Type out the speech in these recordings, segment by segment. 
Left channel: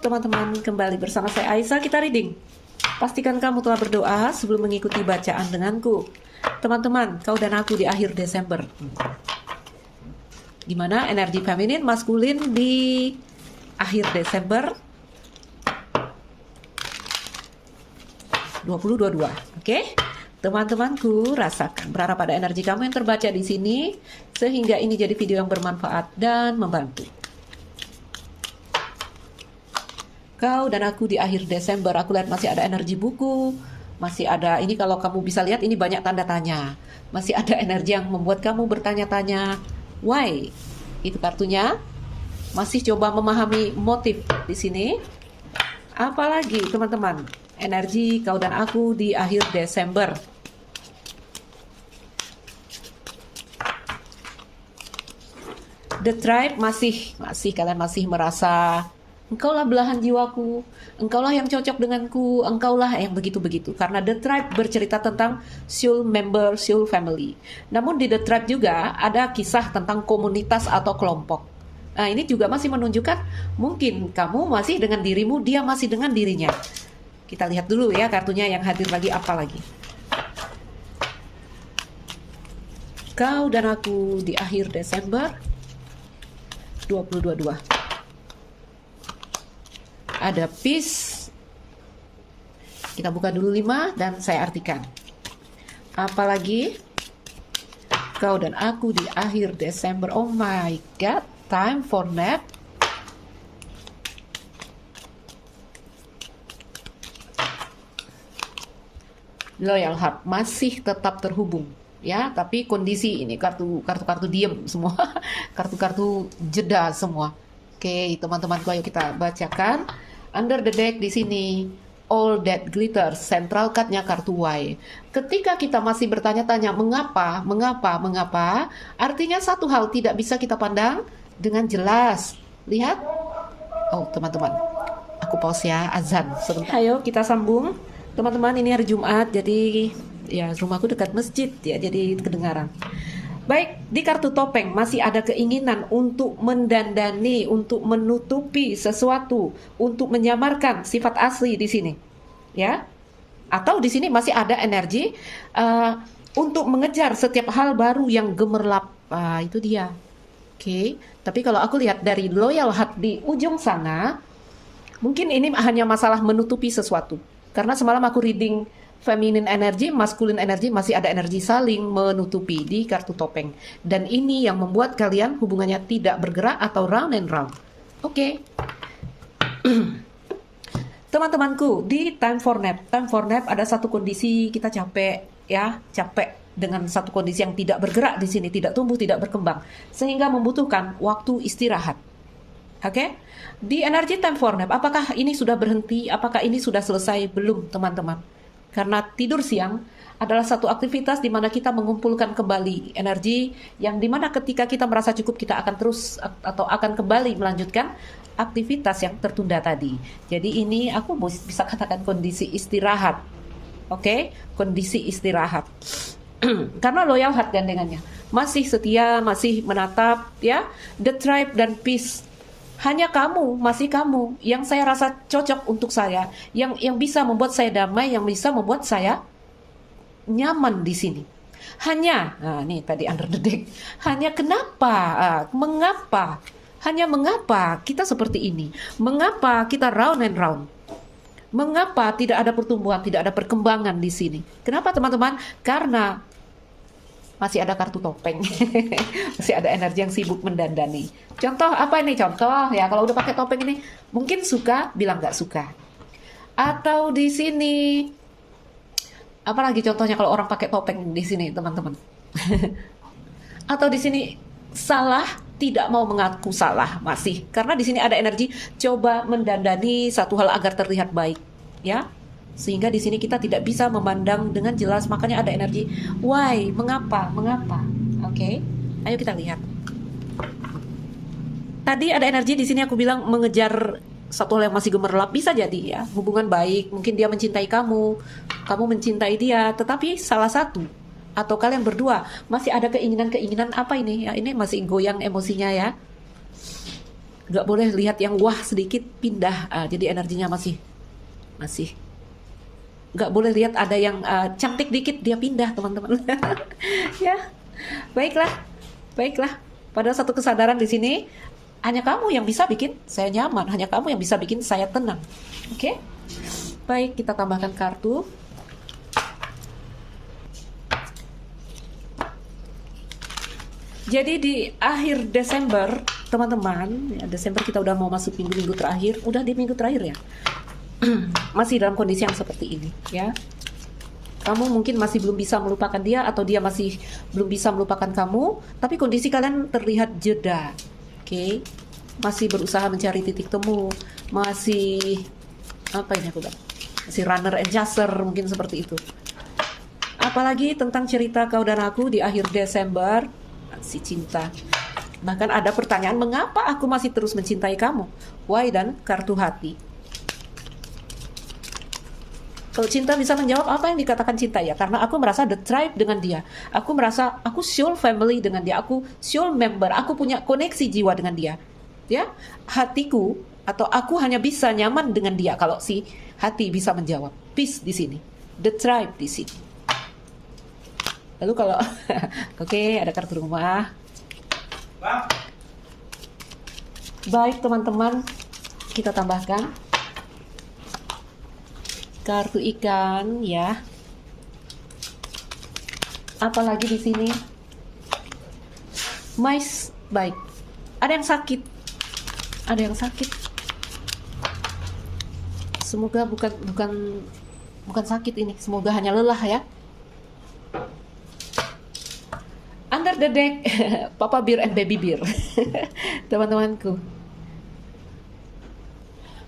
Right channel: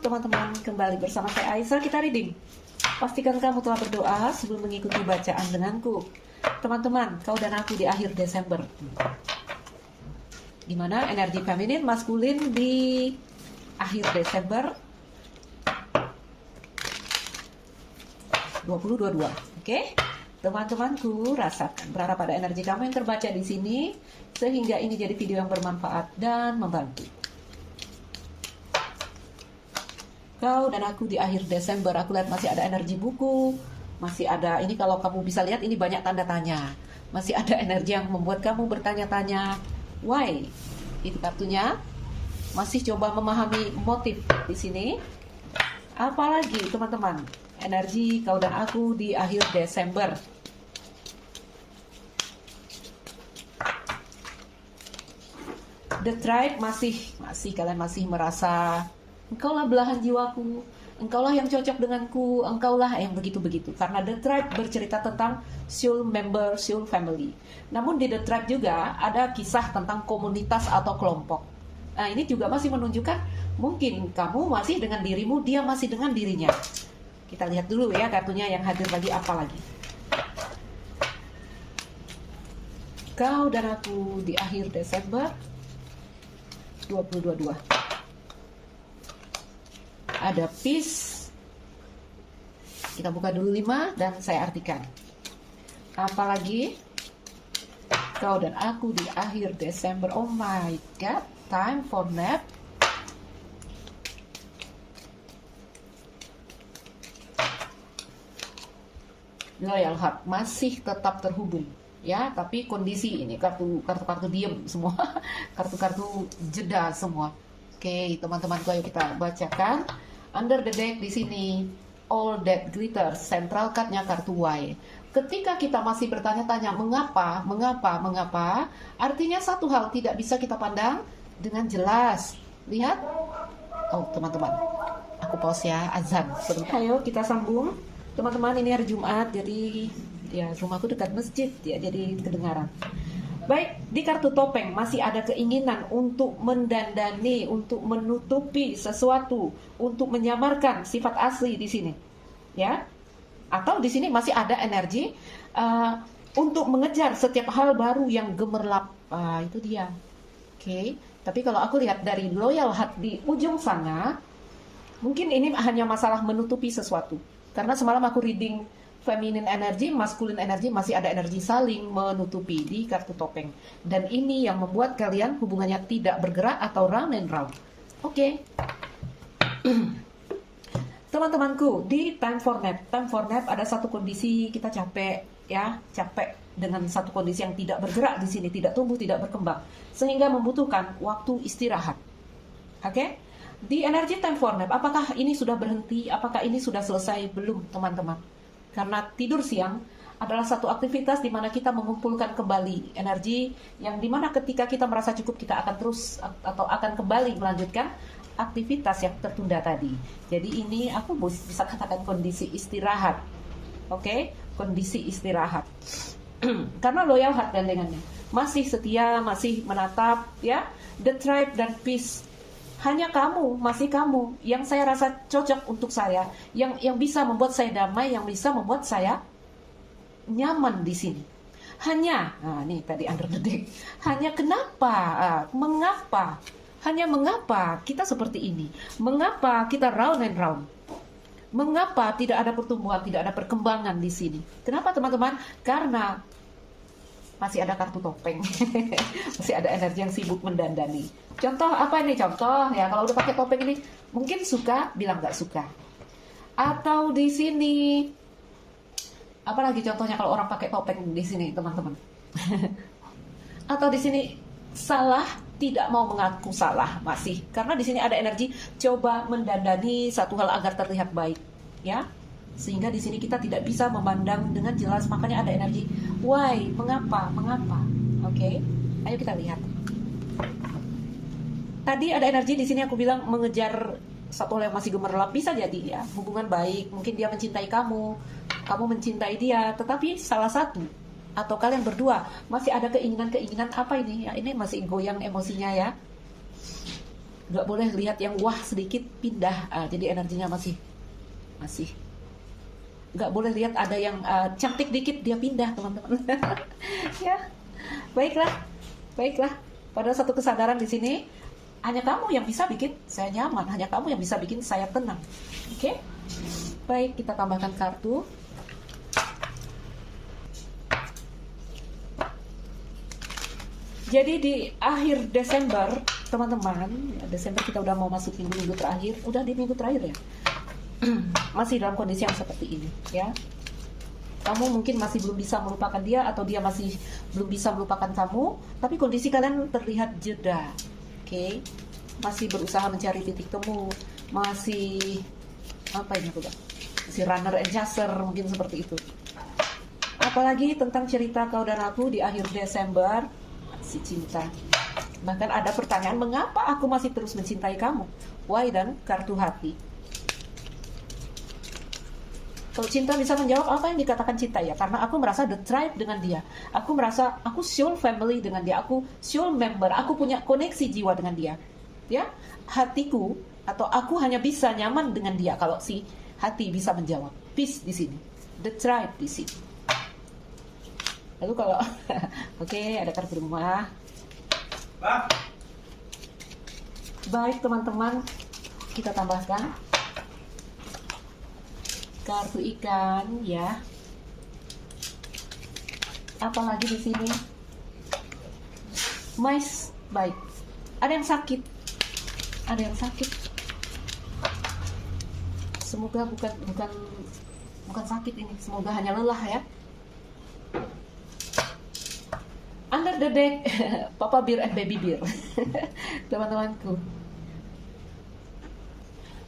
teman-teman, kembali bersama saya Aisyah, kita reading. Pastikan kamu telah berdoa sebelum mengikuti bacaan denganku. Teman-teman, kau dan aku di akhir Desember. Gimana energi feminin, maskulin di akhir Desember 2022. Oke? Teman-temanku, rasakan, berharap pada energi kamu yang terbaca di sini sehingga ini jadi video yang bermanfaat dan membantu. Kau dan aku di akhir Desember, aku lihat masih ada energi buku, masih ada, ini kalau kamu bisa lihat ini banyak tanda tanya. Masih ada energi yang membuat kamu bertanya-tanya, why? Itu kartunya. Masih coba memahami motif di sini. Apalagi teman-teman, energi kau dan aku di akhir Desember. The Tribe masih kalian masih merasa engkaulah belahan jiwaku, engkaulah yang cocok denganku, engkaulah yang begitu-begitu. Karena The Tribe bercerita tentang soul member, soul family. Namun di The Tribe juga ada kisah tentang komunitas atau kelompok. Nah, ini juga masih menunjukkan mungkin kamu masih dengan dirimu, dia masih dengan dirinya. Kita lihat dulu ya kartunya yang hadir lagi apa lagi. Kau dan aku di akhir Desember 2022. Ada peace. Kita buka dulu 5 dan saya artikan. Apalagi kau dan aku di akhir Desember. Oh my god, time for nap. Loyal heart masih tetap terhubung ya, tapi kondisi ini kartu diem semua. Kartu jeda semua. Oke, teman-temanku, ayo kita bacakan. Under the deck di sini, all that glitters, central card-nya kartu Y. Ketika kita masih bertanya-tanya mengapa, artinya satu hal tidak bisa kita pandang dengan jelas. Lihat. Oh, teman-teman, aku pause ya, azan. Ayo kita sambung. Teman-teman, ini hari Jumat, jadi ya rumahku dekat masjid ya, jadi kedengaran. Baik, di kartu topeng masih ada keinginan untuk mendandani, untuk menutupi sesuatu, untuk menyamarkan sifat asli di sini, ya. Atau di sini masih ada energi untuk mengejar setiap hal baru yang gemerlap. Itu dia. Oke, tapi kalau aku lihat dari loyal heart di ujung sana, mungkin ini hanya masalah menutupi sesuatu. Karena semalam aku reading feminine energy, masculine energy, masih ada energi saling menutupi di kartu topeng. Dan ini yang membuat kalian hubungannya tidak bergerak atau round and round. Oke. Teman-temanku, di time for nap. Time for nap ada satu kondisi kita capek ya, capek dengan satu kondisi yang tidak bergerak di sini, tidak tumbuh, tidak berkembang, sehingga membutuhkan waktu istirahat. Oke? Di energi time for nap, apakah ini sudah berhenti? Apakah ini sudah selesai? Belum, teman-teman. Karena tidur siang adalah satu aktivitas di mana kita mengumpulkan kembali energi yang dimana ketika kita merasa cukup kita akan terus atau akan kembali melanjutkan aktivitas yang tertunda tadi. Jadi ini aku bisa katakan kondisi istirahat. Oke? Kondisi istirahat. Karena loyal heart gandengannya. Masih setia, masih menatap ya. The Tribe dan Peace. Hanya kamu, masih kamu yang saya rasa cocok untuk saya, yang bisa membuat saya damai, yang bisa membuat saya nyaman di sini. Hanya, nih tadi under the deck. Hanya kenapa, mengapa, hanya mengapa kita seperti ini? Mengapa kita round and round? Mengapa tidak ada pertumbuhan, tidak ada perkembangan di sini? Kenapa teman-teman? Karena masih ada kartu topeng. Masih ada energi yang sibuk mendandani. Contoh apa ini? Contoh ya, kalau udah pakai topeng ini mungkin suka bilang nggak suka. Atau di sini apalagi contohnya kalau orang pakai topeng di sini, teman-teman. Atau di sini salah, tidak mau mengaku salah masih. Karena di sini ada energi coba mendandani satu hal agar terlihat baik, ya. Sehingga di sini kita tidak bisa memandang dengan jelas, makanya ada energi why, mengapa. Oke, ayo kita lihat. Tadi ada energi di sini aku bilang mengejar satu hal yang masih gemerlap, bisa jadi ya, hubungan baik, mungkin dia mencintai kamu mencintai dia, tetapi salah satu atau kalian berdua masih ada keinginan apa ini? Ya, ini masih goyang emosinya ya. Nggak boleh lihat yang wah sedikit pindah, jadi energinya masih masih. Nggak boleh lihat ada yang cantik dikit dia pindah, teman-teman. Ya, baiklah, baiklah. Pada satu kesadaran di sini, hanya kamu yang bisa bikin saya nyaman, hanya kamu yang bisa bikin saya tenang. Oke? Baik, kita tambahkan kartu. Jadi di akhir Desember, teman-teman, ya, Desember kita udah mau masuk minggu-minggu terakhir, udah di minggu terakhir ya. Masih dalam kondisi yang seperti ini, ya. Kamu mungkin masih belum bisa melupakan dia atau dia masih belum bisa melupakan kamu, tapi kondisi kalian terlihat jeda. Oke? Masih berusaha mencari titik temu, masih apa ini aku bilang? Masih runner and chaser, mungkin seperti itu. Apalagi tentang cerita kau dan aku di akhir Desember, si cinta. Bahkan ada pertanyaan, mengapa aku masih terus mencintai kamu? Why, dan kartu hati. Kalau cinta bisa menjawab apa yang dikatakan cinta, ya, karena aku merasa the tribe dengan dia. Aku merasa aku soul family dengan dia. Aku soul member. Aku punya koneksi jiwa dengan dia. Ya, hatiku atau aku hanya bisa nyaman dengan dia kalau si hati bisa menjawab. Peace di sini. The tribe di sini. Lalu kalau oke, ada kartu rumah. Baik, teman-teman, kita tambahkan kartu ikan, ya. Apalagi di sini? Mais, baik. Ada yang sakit. Ada yang sakit. Semoga bukan sakit ini. Semoga hanya lelah, ya. Under the deck, Papa Bear and Baby Bear. Teman-temanku.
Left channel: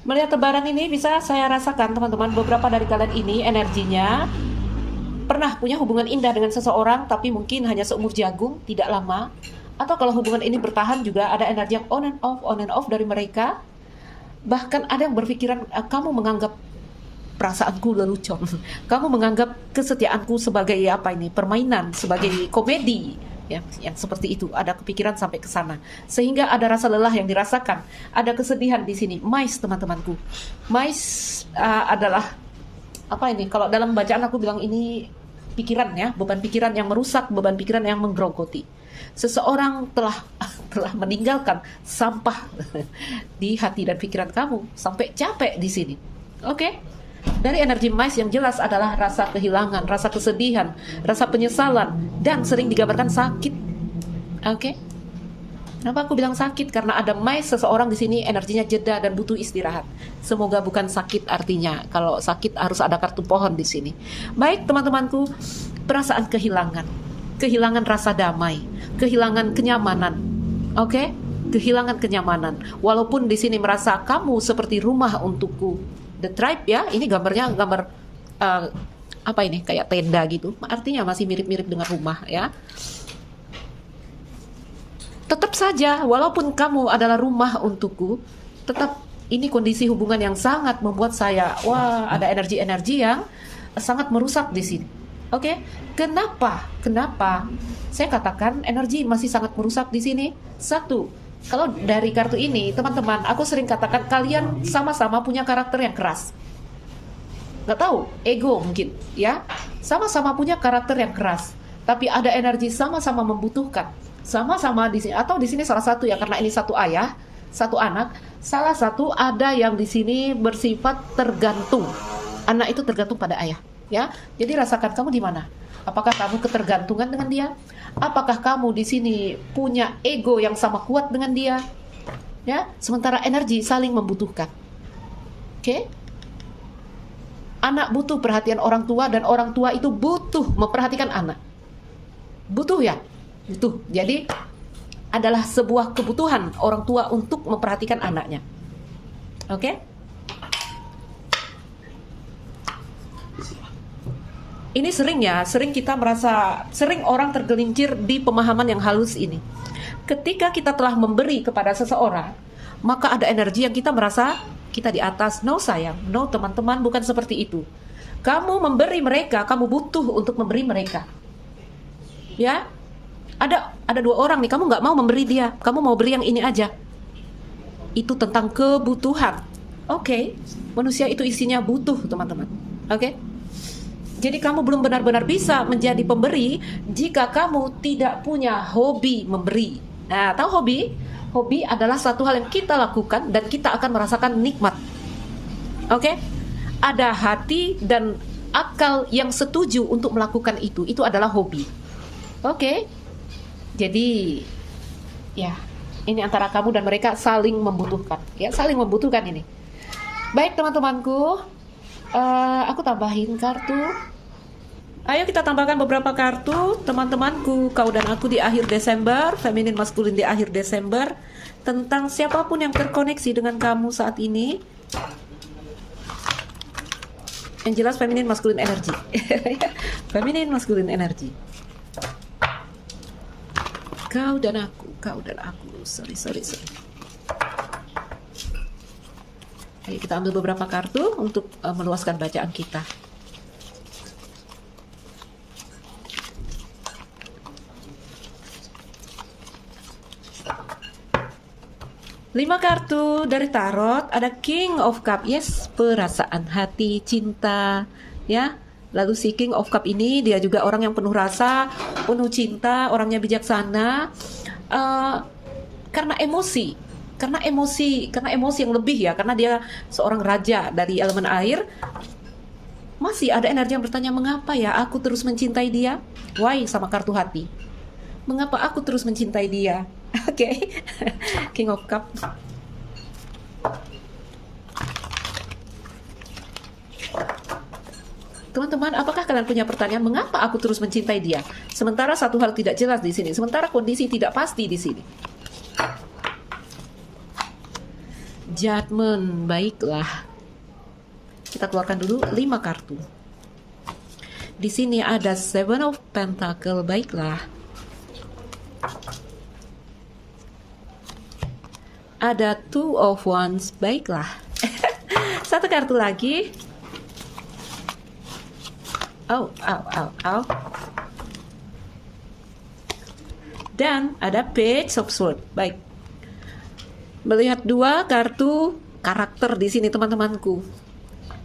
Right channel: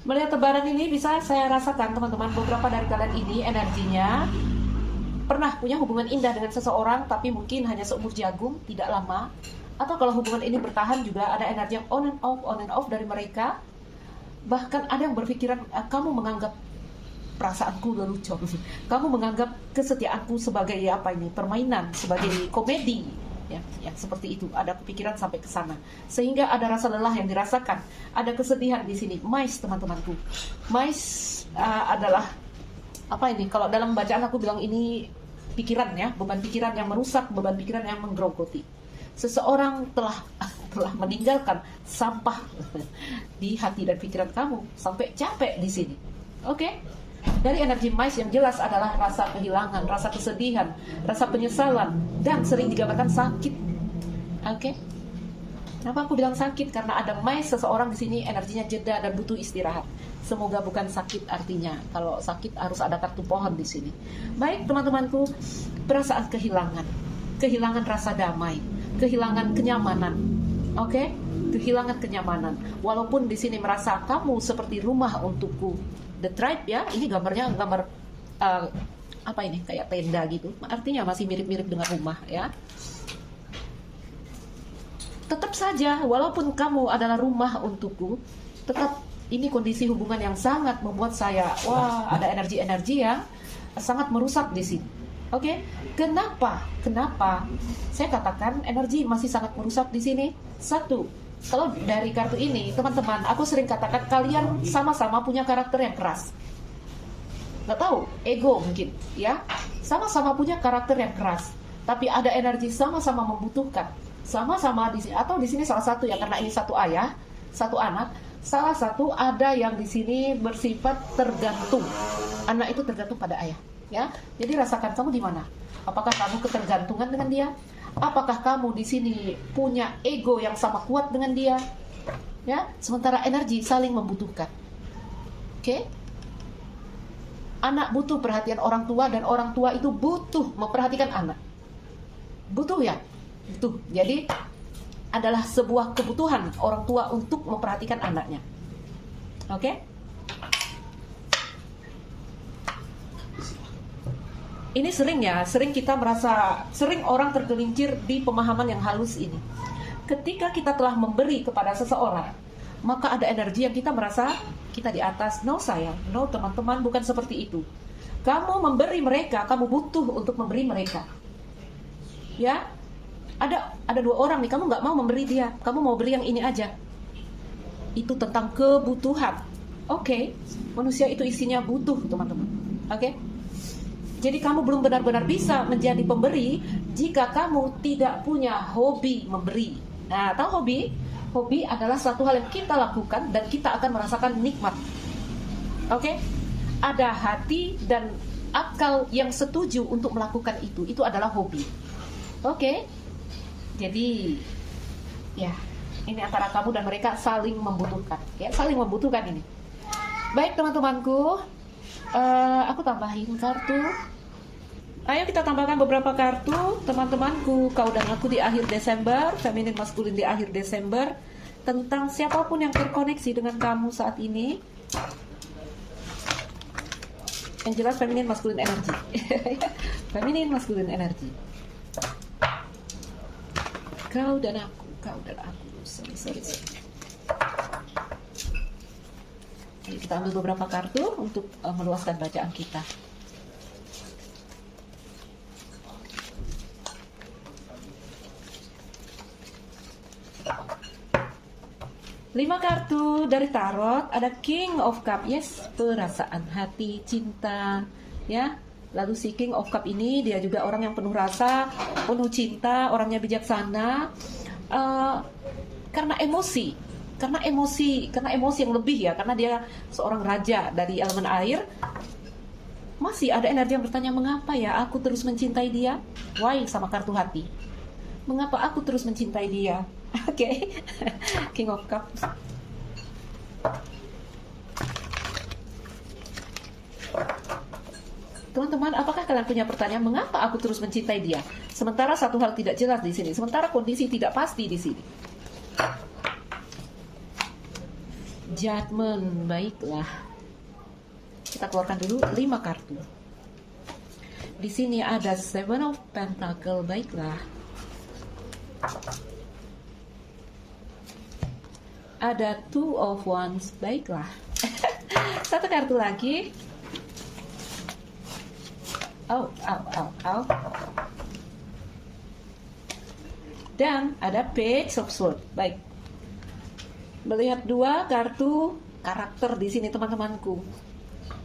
Melihat tebaran ini bisa saya rasakan, teman-teman, beberapa dari kalian ini energinya pernah punya hubungan indah dengan seseorang, tapi mungkin hanya seumur jagung, tidak lama. Atau kalau hubungan ini bertahan juga ada energi yang on and off dari mereka. Bahkan ada yang berpikiran, kamu menganggap perasaanku lelucon. Kamu menganggap kesetiaanku sebagai apa ini, permainan, sebagai komedi. Ya, yang seperti itu, ada kepikiran sampai ke sana, sehingga ada rasa lelah yang dirasakan, ada kesedihan di sini. Mais, teman-temanku, mais adalah apa ini? Kalau dalam bacaan aku bilang ini pikiran, ya, beban pikiran yang merusak, beban pikiran yang menggerogoti. Seseorang telah meninggalkan sampah di hati dan pikiran kamu sampai capek di sini. Oke? Dari energi mais yang jelas adalah rasa kehilangan, rasa kesedihan, rasa penyesalan, dan sering digambarkan sakit. Oke? Kenapa aku bilang sakit? Karena ada mais seseorang di sini energinya jeda dan butuh istirahat. Semoga bukan sakit artinya. Kalau sakit harus ada kartu pohon di sini. Baik, teman-temanku, perasaan kehilangan, kehilangan rasa damai, kehilangan kenyamanan. Oke? Kehilangan kenyamanan. Walaupun di sini merasa kamu seperti rumah untukku. The tribe, ya, ini gambarnya gambar apa ini, kayak tenda gitu, artinya masih mirip-mirip dengan rumah, ya. Tetap saja, walaupun kamu adalah rumah untukku, tetap ini kondisi hubungan yang sangat membuat saya, wah, ada energi-energi yang sangat merusak di sini. Oke, kenapa saya katakan energi masih sangat merusak di sini? Satu, kalau dari kartu ini, teman-teman, aku sering katakan kalian sama-sama punya karakter yang keras. Gak tahu, ego mungkin, ya. Sama-sama punya karakter yang keras, tapi ada energi sama-sama membutuhkan. Sama-sama di sini, atau di sini salah satu, ya, karena ini satu ayah, satu anak. Salah satu ada yang di sini bersifat tergantung. Anak itu tergantung pada ayah, ya. Jadi rasakan kamu di mana? Apakah kamu ketergantungan dengan dia? Apakah kamu di sini punya ego yang sama kuat dengan dia? Ya, sementara energi saling membutuhkan. Oke? Anak butuh perhatian orang tua dan orang tua itu butuh memperhatikan anak. Butuh, ya? Butuh. Jadi adalah sebuah kebutuhan orang tua untuk memperhatikan anaknya. Oke? Ini sering kita merasa, sering orang tergelincir di pemahaman yang halus ini. Ketika kita telah memberi kepada seseorang, maka ada energi yang kita merasa kita di atas. No, sayang, no, teman-teman, bukan seperti itu. Kamu memberi mereka, kamu butuh untuk memberi mereka. Ya, ada dua orang nih, kamu nggak mau memberi dia, kamu mau beri yang ini aja. itu tentang kebutuhan. Oke, manusia itu isinya butuh, teman-teman. Oke, jadi kamu belum benar-benar bisa menjadi pemberi jika kamu tidak punya hobi memberi. Nah, tahu hobi? Hobi adalah suatu hal yang kita lakukan dan kita akan merasakan nikmat. Oke, ada hati dan akal yang setuju untuk melakukan itu. Itu adalah hobi. Oke, jadi ya, ini antara kamu dan mereka saling membutuhkan. Ya, saling membutuhkan ini. Baik teman-temanku, aku tambahin kartu. Ayo kita tambahkan beberapa kartu, teman-temanku, kau dan aku di akhir Desember, feminin maskulin di akhir Desember, tentang siapapun yang terkoneksi dengan kamu saat ini. Yang jelas feminin maskulin energi. Feminin maskulin energi. Kau dan aku. Sorry. Ayo kita ambil beberapa kartu untuk meluaskan bacaan kita. Lima kartu dari tarot, ada King of Cup, yes, perasaan hati, cinta, ya. Lalu si King of Cup ini dia juga orang yang penuh rasa, penuh cinta, orangnya bijaksana, karena emosi yang lebih ya, karena dia seorang raja dari elemen air. Masih ada energi yang bertanya, mengapa ya aku terus mencintai dia? Why sama kartu hati. Mengapa aku terus mencintai dia? Oke. King of Cup. Teman-teman, apakah kalian punya pertanyaan mengapa aku terus mencintai dia? Sementara satu hal tidak jelas di sini, sementara kondisi tidak pasti di sini. Judgment, baiklah. Kita keluarkan dulu 5 kartu. Di sini ada Seven of Pentacle, baiklah. Ada Two of Wands, baiklah. Satu kartu lagi. Oh. Dan ada Page of Swords, baik. Melihat 2 kartu karakter di sini teman-temanku.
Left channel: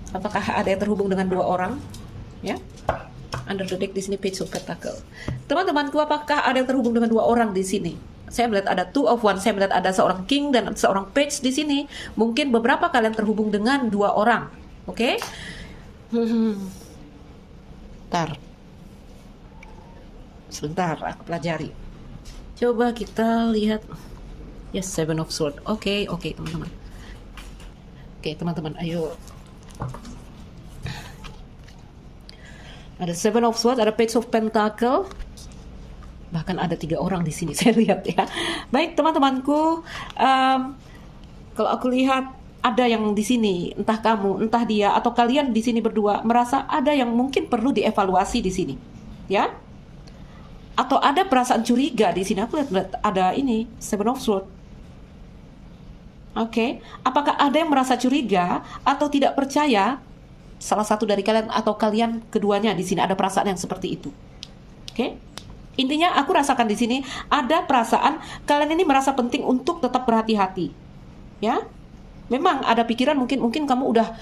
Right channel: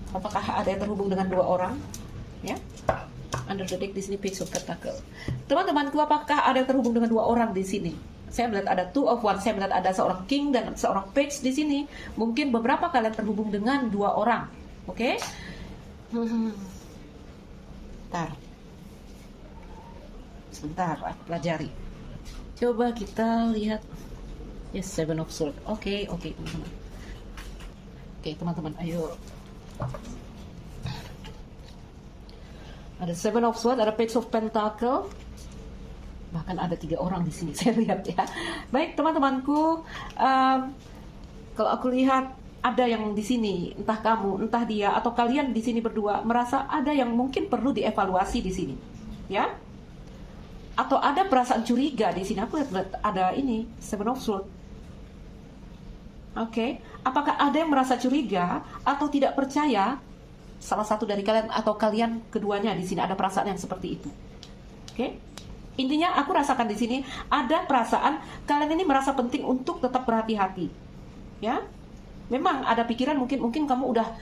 Apakah ada yang terhubung dengan 2 orang? Ya. Under the deck di sini Page of Pentacle. Teman-temanku, apakah ada yang terhubung dengan 2 orang di sini? Saya melihat ada Two of Wands, saya melihat ada seorang King dan seorang Page di sini. Mungkin beberapa kalian terhubung dengan 2 orang. Oke? Sebentar, aku pelajari. Coba kita lihat. Yes, Seven of Swords. Oke, teman-teman. Oke, teman-teman, ayo. Ada Seven of Swords, ada Page of Pentacle. Bahkan ada 3 orang di sini, saya lihat ya. Baik, teman-temanku. Kalau aku lihat ada yang di sini, entah kamu, entah dia, atau kalian di sini berdua merasa ada yang mungkin perlu dievaluasi di sini, ya? Atau ada perasaan curiga di sini. Aku lihat ada ini Seven of Swords. Oke, apakah ada yang merasa curiga atau tidak percaya? Salah satu dari kalian atau kalian keduanya di sini ada perasaan yang seperti itu. Oke, intinya aku rasakan di sini ada perasaan kalian ini merasa penting untuk tetap berhati-hati. Ya, memang ada pikiran mungkin kamu udah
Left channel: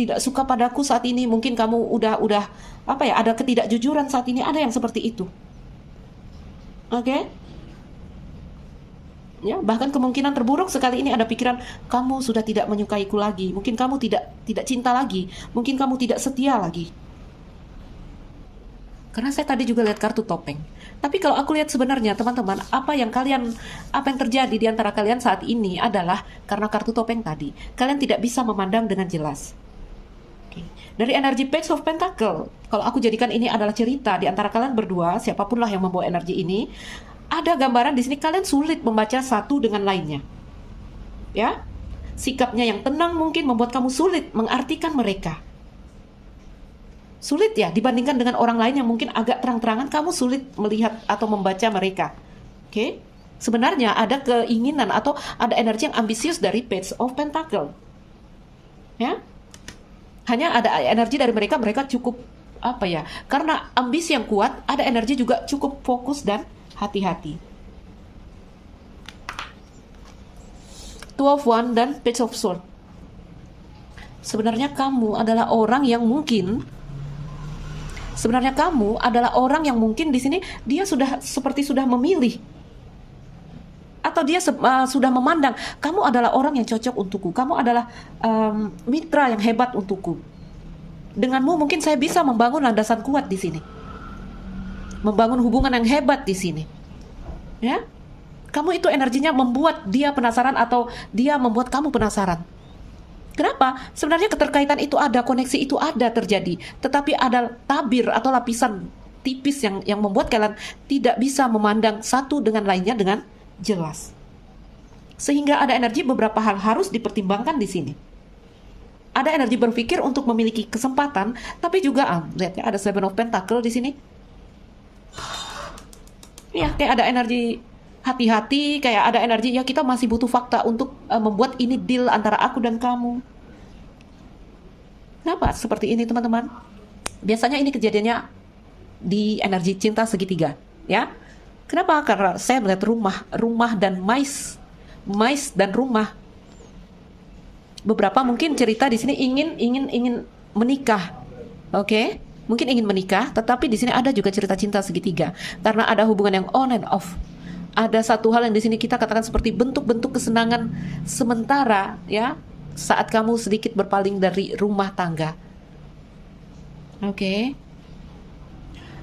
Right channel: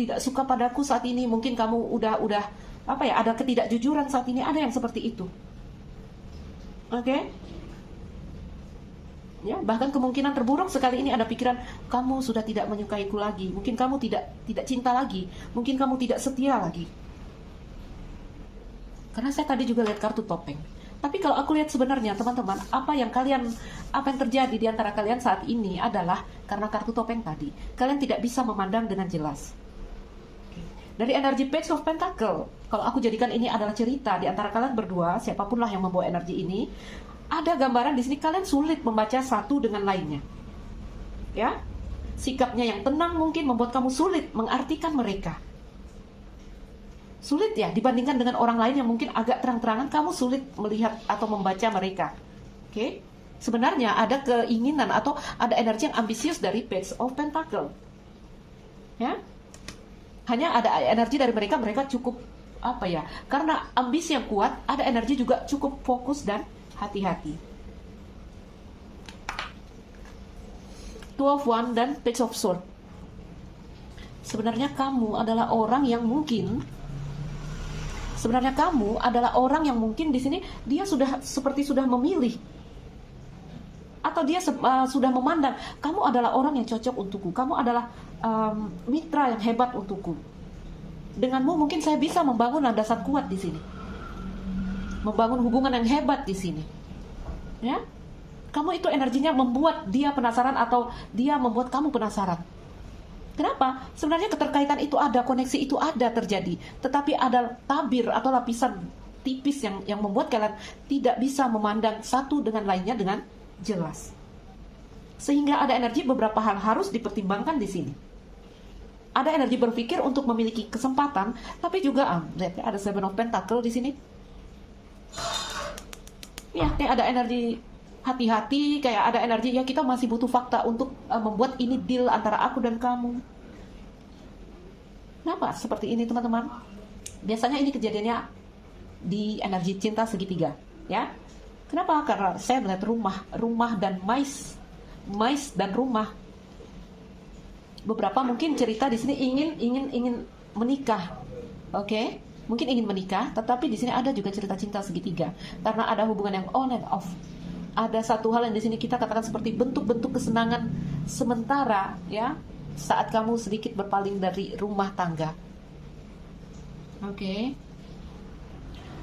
tidak suka padaku saat ini, mungkin kamu udah apa ya, ada ketidakjujuran saat ini, ada yang seperti itu. Oke. Ya, bahkan kemungkinan terburuk sekali ini ada pikiran kamu sudah tidak menyukaiku lagi, mungkin kamu tidak cinta lagi, mungkin kamu tidak setia lagi. Karena saya tadi juga lihat kartu topeng. Tapi kalau aku lihat sebenarnya teman-teman, apa yang terjadi di antara kalian saat ini adalah karena kartu topeng tadi. Kalian tidak bisa memandang dengan jelas. Oke. Dari energi Page of Pentacle, kalau aku jadikan ini adalah cerita di antara kalian berdua, siapapun lah yang membawa energi ini, ada gambaran di sini kalian sulit membaca satu dengan lainnya. Ya, sikapnya yang tenang mungkin membuat kamu sulit mengartikan mereka. Sulit ya, dibandingkan dengan orang lain yang mungkin agak terang-terangan, kamu sulit melihat atau membaca mereka. Oke? Sebenarnya ada keinginan atau ada energi yang ambisius dari Page of Pentacle. Ya? Hanya ada energi dari mereka cukup apa ya? Karena ambisi yang kuat, ada energi juga cukup fokus dan hati-hati. Two of Wands dan Page of Swords. Sebenarnya kamu adalah orang yang mungkin di sini dia sudah memilih, atau dia sudah memandang kamu adalah orang yang cocok untukku, kamu adalah mitra yang hebat untukku. Denganmu mungkin saya bisa membangun landasan kuat di sini, membangun hubungan yang hebat di sini. Ya, kamu itu energinya membuat dia penasaran, atau dia membuat kamu penasaran. Kenapa? Sebenarnya keterkaitan itu ada, koneksi itu ada terjadi, tetapi ada tabir atau lapisan tipis yang membuat kalian tidak bisa memandang satu dengan lainnya dengan jelas. Sehingga ada energi beberapa hal harus dipertimbangkan di sini. Ada energi berpikir untuk memiliki kesempatan, tapi juga lihat ya, ada Seven of Pentacles di sini. Ya, kayak ada energi hati-hati, kayak ada energi ya kita masih butuh fakta untuk membuat ini deal antara aku dan kamu. Kenapa seperti ini teman-teman? Biasanya ini kejadiannya di energi cinta segitiga, ya. Kenapa? Karena saya melihat rumah dan mais dan rumah. Beberapa mungkin cerita di sini ingin menikah, oke? Mungkin ingin menikah, tetapi di sini ada juga cerita cinta segitiga karena ada hubungan yang on and off. Ada satu hal yang di sini kita katakan seperti bentuk-bentuk kesenangan sementara, ya, saat kamu sedikit berpaling dari rumah tangga. Oke.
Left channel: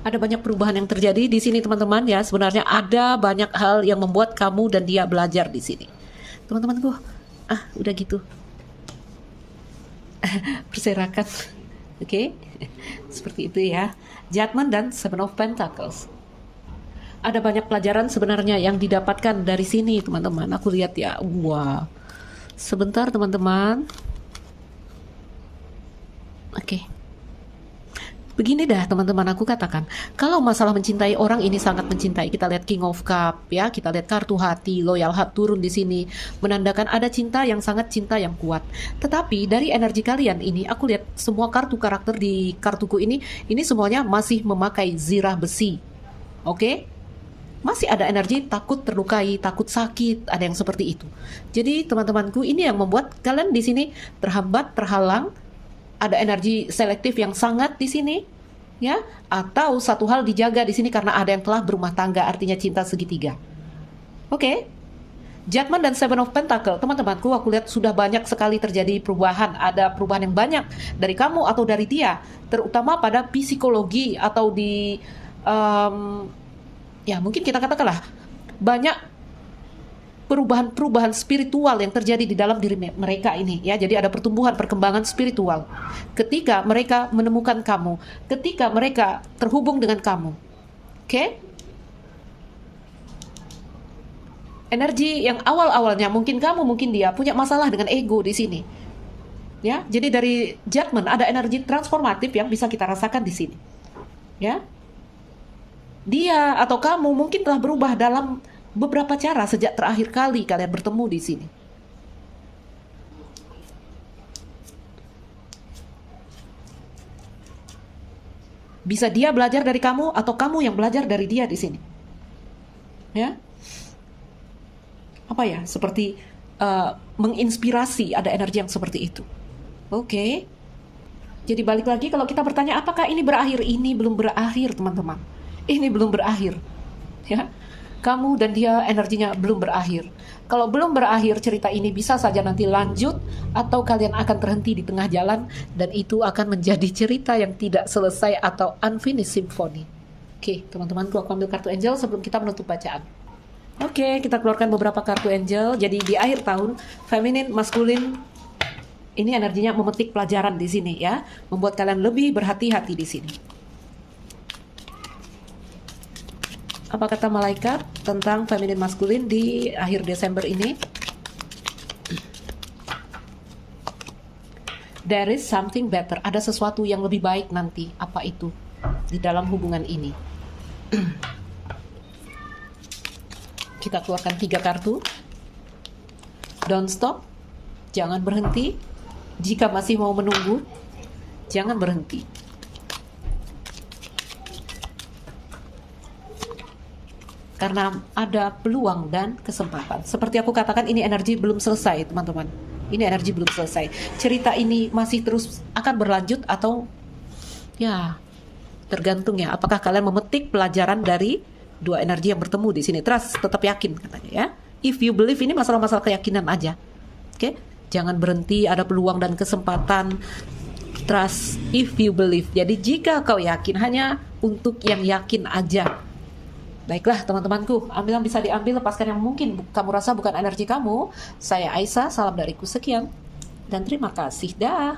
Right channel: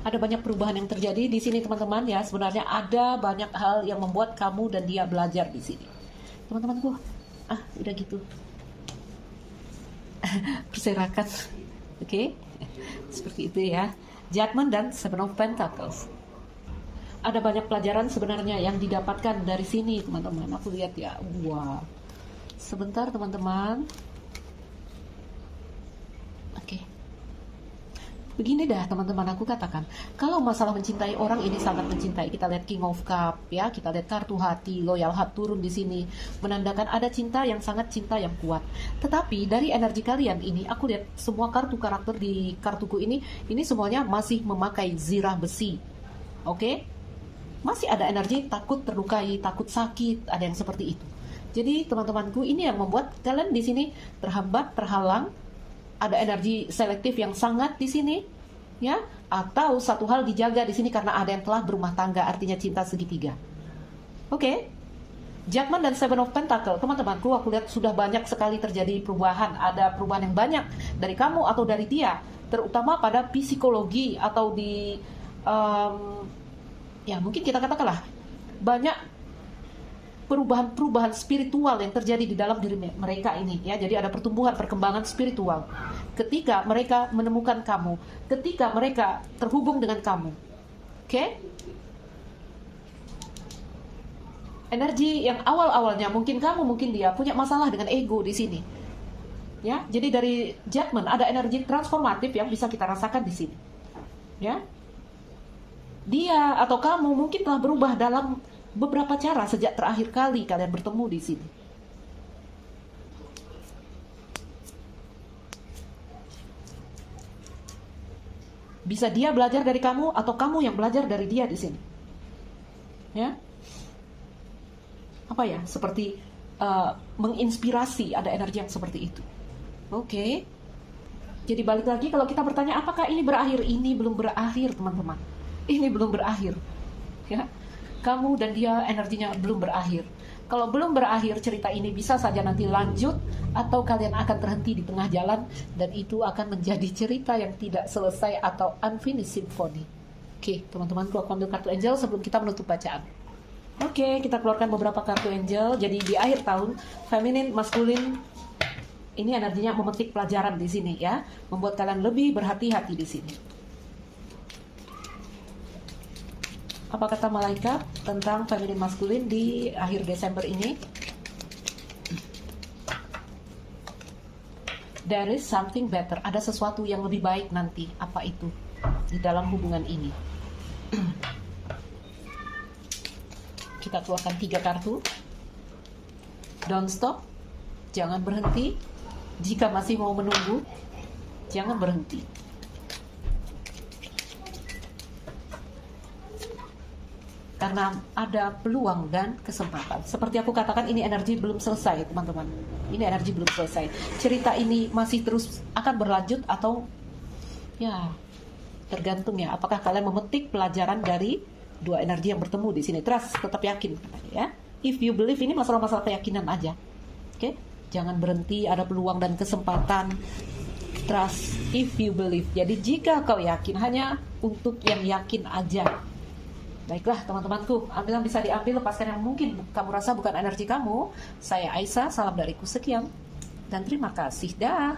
Ada banyak perubahan yang terjadi di sini teman-teman, ya. Sebenarnya ada banyak hal yang membuat kamu dan dia belajar di sini. Teman-temanku, udah gitu. Berserakan. Oke. Seperti itu ya. Judgment dan Seven of Pentacles. Ada banyak pelajaran sebenarnya yang didapatkan dari sini teman-teman. Aku lihat ya, wah. Sebentar teman-teman. Oke. Begini dah teman-teman, aku katakan, kalau masalah mencintai orang ini sangat mencintai. Kita lihat King of Cup, ya, kita lihat kartu hati, loyal heart turun di sini, menandakan ada cinta yang sangat cinta yang kuat. Tetapi dari energi kalian ini, aku lihat semua kartu karakter di kartuku ini semuanya masih memakai zirah besi. Oke? Masih ada energi takut terlukai, takut sakit, ada yang seperti itu. Jadi teman-temanku, ini yang membuat kalian di sini terhambat, terhalang. Ada energi selektif yang sangat di sini, ya, atau satu hal dijaga di sini karena ada yang telah berumah tangga, artinya cinta segitiga. Oke. Judgment dan Seven of Pentacles, teman-temanku, aku lihat sudah banyak sekali terjadi perubahan. Ada perubahan yang banyak dari kamu atau dari dia, terutama pada psikologi atau di ya mungkin kita katakanlah banyak perubahan spiritual yang terjadi di dalam diri mereka ini, ya. Jadi ada pertumbuhan, perkembangan spiritual ketika mereka menemukan kamu, ketika mereka terhubung dengan kamu. Oke? Energi yang awal-awalnya mungkin kamu, mungkin dia punya masalah dengan ego di sini. Ya, jadi dari judgment ada energi transformatif yang bisa kita rasakan di sini. Ya. Dia atau kamu mungkin telah berubah dalam beberapa cara sejak terakhir kali kalian bertemu di sini. Bisa dia belajar dari kamu atau kamu yang belajar dari dia di sini. Ya. Apa ya? Seperti menginspirasi, ada energi yang seperti itu. Oke. Jadi balik lagi kalau kita bertanya apakah ini berakhir? Ini belum berakhir, teman-teman. Ini belum berakhir. Ya. Kamu dan dia energinya belum berakhir. Kalau belum berakhir, cerita ini bisa saja nanti lanjut atau kalian akan terhenti di tengah jalan dan itu akan menjadi cerita yang tidak selesai atau unfinished symphony. Oke, teman-teman, aku ambil kartu angel sebelum kita menutup bacaan. Oke, kita keluarkan beberapa kartu angel. Jadi di akhir tahun, feminin, maskulin, ini energinya memetik pelajaran di sini, ya, membuat kalian lebih berhati-hati di sini. Apa kata malaikat tentang feminin maskulin di akhir Desember ini? There is something better. Ada sesuatu yang lebih baik nanti. Apa itu? Di dalam hubungan ini. Kita keluarkan 3 kartu. Don't stop. Jangan berhenti. Jika masih mau menunggu, jangan berhenti. karena ada peluang dan kesempatan. Seperti aku katakan, ini energi belum selesai, teman-teman. Ini energi belum selesai. Cerita ini masih terus akan berlanjut atau ya tergantung ya. Apakah kalian memetik pelajaran dari dua energi yang bertemu di sini? Trust, tetap yakin katanya ya. If you believe, ini masalah-masalah keyakinan aja. Oke? Jangan berhenti, ada peluang dan kesempatan. Trust if you believe. Jadi jika kau yakin, hanya untuk yang yakin aja. Baiklah teman-temanku, ambil yang bisa diambil, lepaskan yang mungkin kamu rasa bukan energi kamu. Saya Aisyah, salam dariku sekian. Dan terima kasih, dah.